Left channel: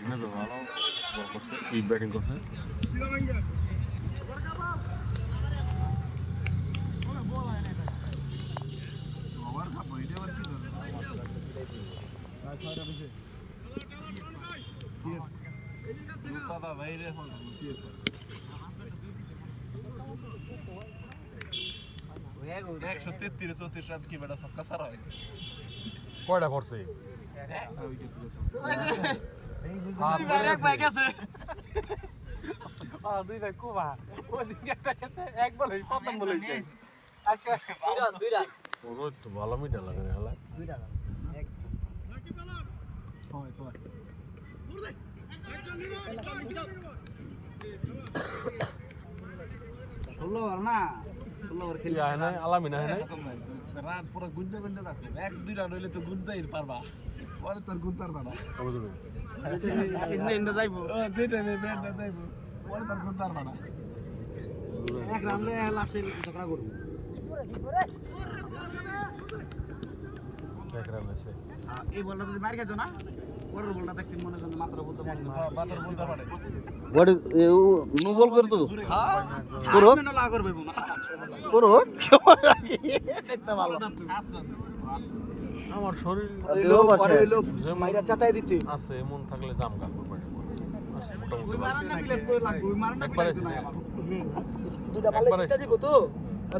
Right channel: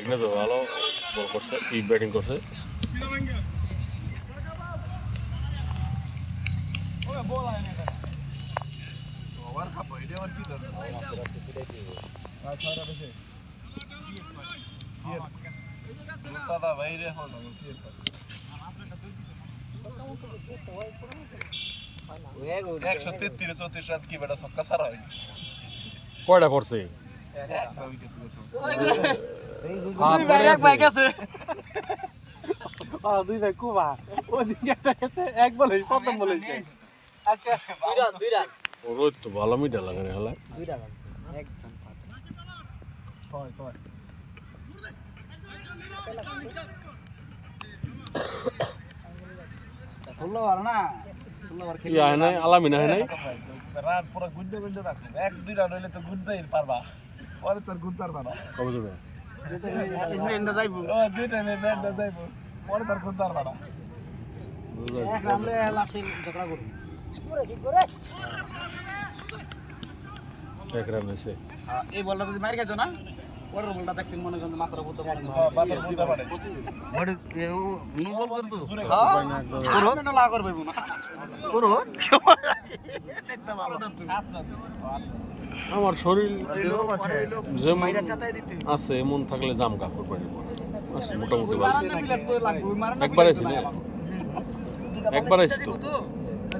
বাইকনে তো ভালো বল করছে ই ব্যাটিং করছে। দাদা ভাই রে হল কি একশো তেত্রিশ চৌত্রিশ রান কি বেটা ছক্কা ছাড়া হয় কয়টা পড়ছে দুই ভাই এক ভাই গেছে। দুই ভাই কুবা ওই দিকে একটা গেছে এক বলে প্রথম বলে আচ্ছা দুই রান দুই রান ওর তো ভালো মিটা লাগে রে হেলা দুই রান ষোলো না? ষোলো বার খেলি আহে নাই? আলামিন আহে নাই? রান পুরো গুনতে রাখবে এক দুই রান হইলে তো গুনতেই পারবা। পরে তোর গুনতে পারবা না। ইন্নে যাইবো। ও দুইটা ব্যান্ড যাইবো। পরে তোর গুনতে পারবা না। এক রান রে লাস্টে ঝগড়া করব। এক রান আছে এই বলটা যদি মারি খাইতো না পরের বলটা দেখতে মনে হয় মাত্র বলতে মনে হয় বাতের পারে হোয়াট ইজ নো বল করে তো। হ্যাঁ? পুরো মেনে লাগা করবে না। পুরো? আমার শরীর যেমন মাইরা চাতায় দিতে। আছে এমন থাকলে জাম কাপড় পরে। আছে মোটামুটি একবার একবারে